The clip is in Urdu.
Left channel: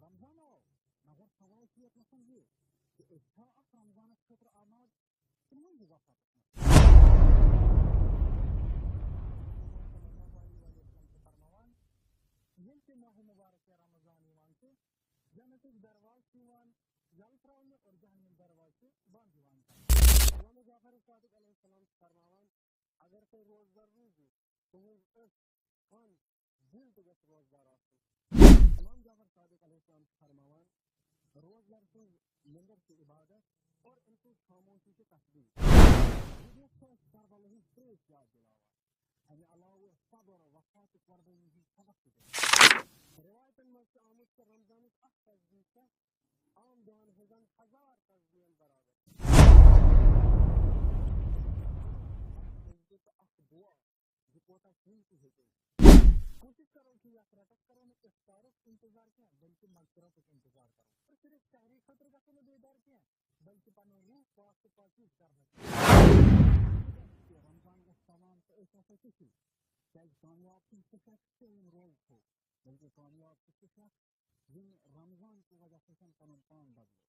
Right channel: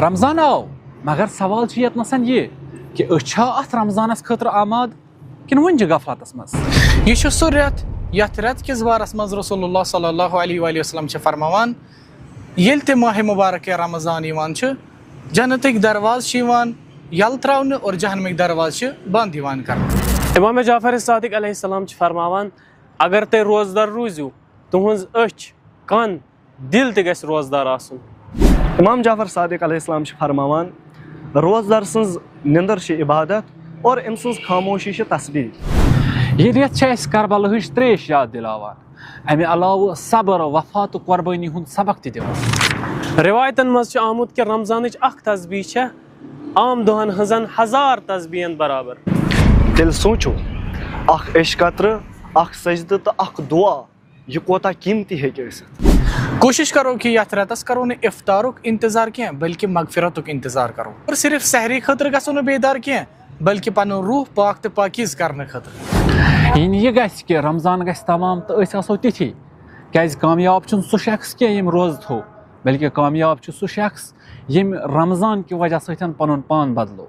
رمضان آو مگر سوال یتنس یہ کہ ات رمضانس خاطر آماد کن ون غفلتس مز یہ سہ رت یت رت کس بارس مز رسول اللہ صلی اللہ علیہ وآلہ وسلم فرماوان یل تہ ماہ مبارک رمضان یوان جنتک دروازہ یل تراؤن اور جہنمک دروازہ بند کر امام جعفر صادق علیہ السلام فرماوان اگر تُہۍ روزدار روزیو تُہنٛز أچھ کن دل تہِ گژھِ روزدار آسُن. امام جعفر صادق علیہ السلام فرماوان روزدار سٕنٛز نِندٕر چھِ عبادت اور أمۍ سٕنٛز خاموشی چھِ تسبیح. یہ ریت اس کربلا ہچ تریش یاد دلاوان امہ علاوہ صبر وفا تو قربانی ہند سبق تہ دِوان. روایتن مز چھُ آمُت کہ رمضانٕچ اکھ تسبیح چھےٚ عام دۄہن ہٕنٛزن 1000 تسبیحن برابر. تیٚلہِ سونٛچو اکھ عشق قطرٕ اکھ سجدٕ تہٕ اکھ دعا یہ کوتاہ قیمتی ہیٚکہِ ٲسِتھ. کوشش کرو کہ یتھ رتس کرو نہ افطارک انتظار کی بلکہ مغفرتک انتظار کرو اور صرف سحری خاطر گژھو نہ بیدار کی بلکہ پن روح پاک تو پاکیز کرنے خاطر. یہ گژھِ کہ رمضان گژھِ تمام تو أسۍ آسو تِتھی کیازِ کامیاب چھُنہٕ سُہ شخص کینٛہہ ییٚمۍ روزٕ تھوٚو بلکہ کامیاب چھُ سُہ شخص ییٚمۍ رمضان کہِ وجہ سۭتۍ پنُن پان بدلو.